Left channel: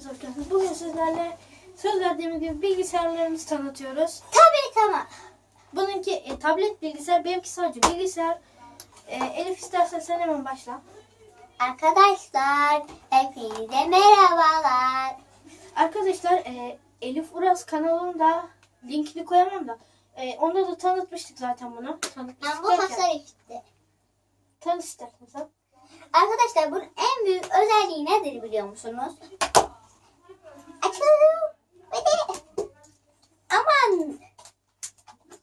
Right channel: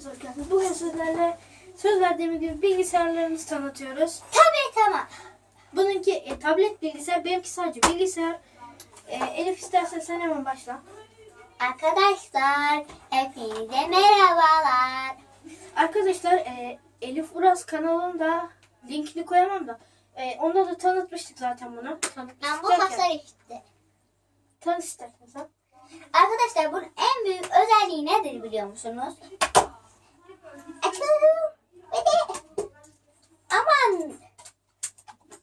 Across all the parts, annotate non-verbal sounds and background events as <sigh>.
Biz hoş geldiniz. Bugün sizlerle söz verdiğimiz gibi bilgisayarlarımızı tanıtıyoruz. Tabii tamam. Bununki e, tablet bilgisayar, benimki sadece bilgisayar. E, Elif istersen sen hemen başla. Arkadaşlar hepinize merhabalar. Arkadaşlar e, Elif Uras kanalında linkini koyamam da e, onda da tanıtmıştık zaten bunu. Ben Tanıtmıştık bu derken, işte. tanıt istersen sen. Arkadaşlar bunun en büyük özelliği nedir biliyor musunuz? Aman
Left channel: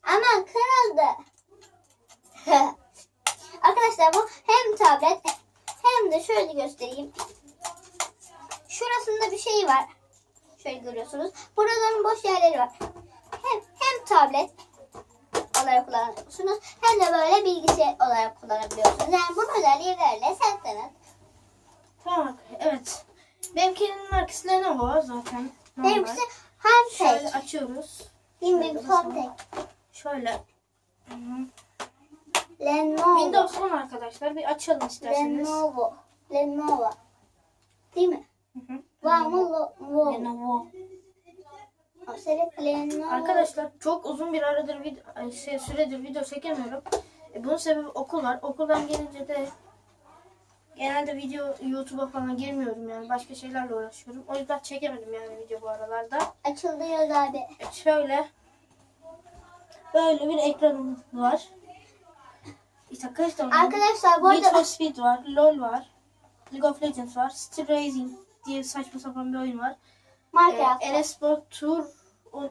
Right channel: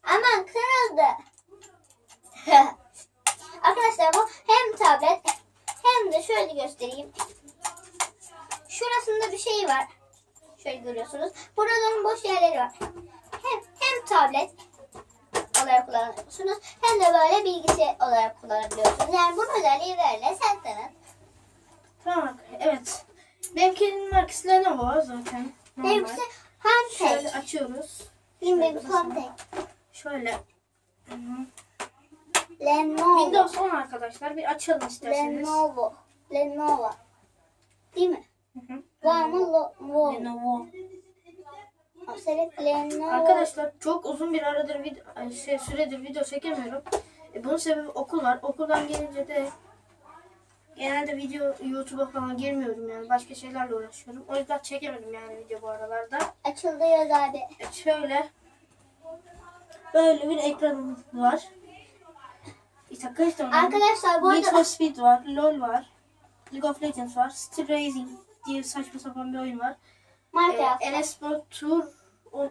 aman kırıldı. <laughs> Arkadaşlar bu hem tablet hem de şöyle göstereyim. Şurasında bir şey var. Şöyle görüyorsunuz. Buraların boş yerleri var. Hem hem tablet olarak kullanabiliyorsunuz hem de böyle bilgisayar olarak kullanabiliyorsunuz. Yani bunun özelliği. Sen tanıt. Tamam evet. Benimkinin markası Lenovo zaten. Benimkisi Handtek. Şöyle açıyoruz. Benimkisi Handtek. Şöyle. Lenovo. Windows 10 arkadaşlar. Bir açalım isterseniz. Lenovo. Lenovo. Değil mi? Hı hı. Lenovo. Lenovo. Arkadaşlar çok uzun bir aradır video, şey, süredir video çekemiyorum. E, bunun sebebi okul var. Okuldan gelince de genelde video YouTube'a falan girmiyorum yani. Başka şeylerle uğraşıyorum. O yüzden çekemedim yani video bu aralarda. Açıldı yaz abi. E, şöyle böyle bir ekranımız var. İşte kaç tane? Arkadaşlar bu Need for arada Speed var, LoL var, League of Legends var, Steel Racing diye saçma sapan bir oyun var. Minecraft. Ee, Sport Tour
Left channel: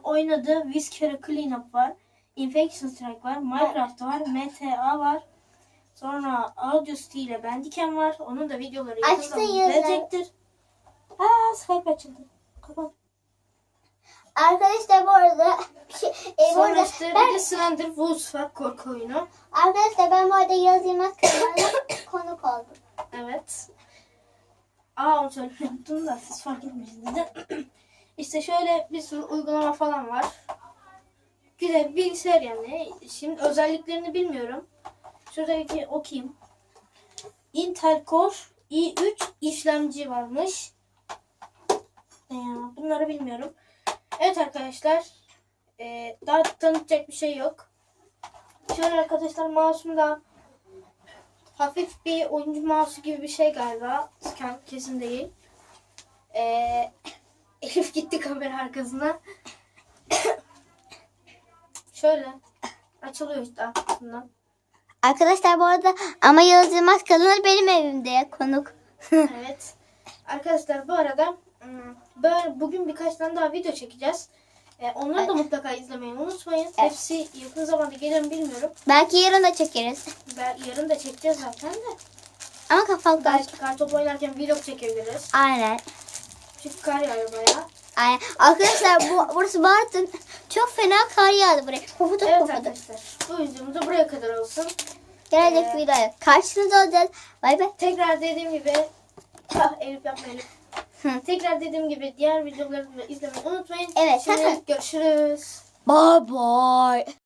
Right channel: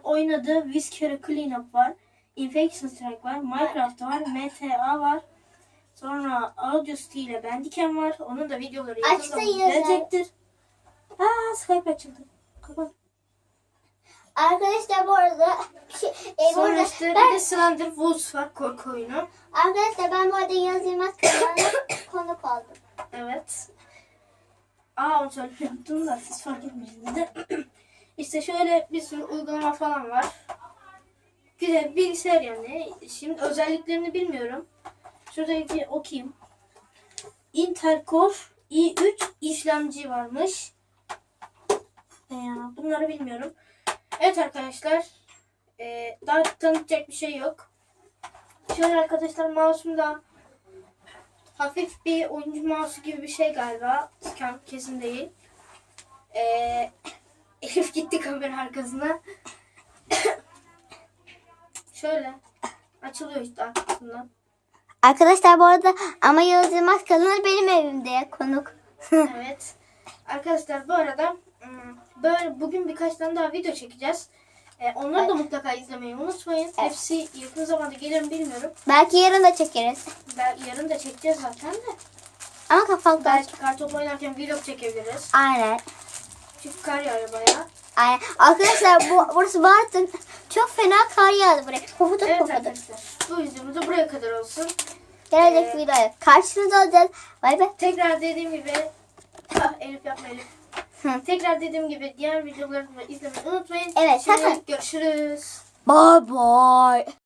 oynadığı Whisker Cleanup var. Infection Strike var. Minecraft var. MTA var. Sonra Audacity ile Bandicam var. Onun da videoları yakın Açtın zamanda yüzü. gelecektir. Aa Skype açıldı. Kapat. Arkadaşlar bu arada şey, e, bu Sonra arada işte bir ben, de Slender Woods var. Korku oyunu. arkadaşlar ben bu arada Yaz Yılmaz kanalına <coughs> konuk oldum. Evet. Aa onu söylemeyi unuttum da siz fark etmişsiniz de. <coughs> işte şöyle bir sürü uygulama falan var. Bir bilgisayar yani. Şimdi özelliklerini bilmiyorum. Şuradaki okuyayım. Intel Core i3 işlemci varmış. Ne ya bunları bilmiyorum. Evet arkadaşlar. Ee, daha tanıtacak bir şey yok. Şöyle arkadaşlar mouse'umda hafif bir oyuncu mouse'u gibi bir şey galiba. Kesin- değil. Ee, <laughs> Elif gitti kamera arkasına. <coughs> Şöyle açılıyor işte arkasından. Arkadaşlar bu arada ama Yaz Yılmaz kanalı benim evimde konuk. <laughs> Evet. Arkadaşlar bu arada ım, böyle bugün birkaç tane daha video çekeceğiz. Ee, onları da mutlaka izlemeyi unutmayın. Hepsi yakın zamanda gelir mi bilmiyorum. Belki yarın da çekeriz. Ben yarın da çekeceğiz zaten de. Ama kafam kaç. Belki kartop oynarken vlog çekebiliriz. Aynen. Çünkü kar yağıyor bayağı. Aynen. Arkadaşlar bu, burası Bartın. Çok fena kar yağdı buraya. Pofuduk Evet pofuduk. arkadaşlar. Bu videomuz da buraya kadar olsun. Gelecek Ee, videoya karşınızda olacağız. Bay bay. Tekrar dediğim gibi Ah, Elif yapma Elif. Hı. Tekrar dediğim gibi diğer videoları da izlemeyi unutmayın. Evet, Şimdi görüşürüz. Bye bye.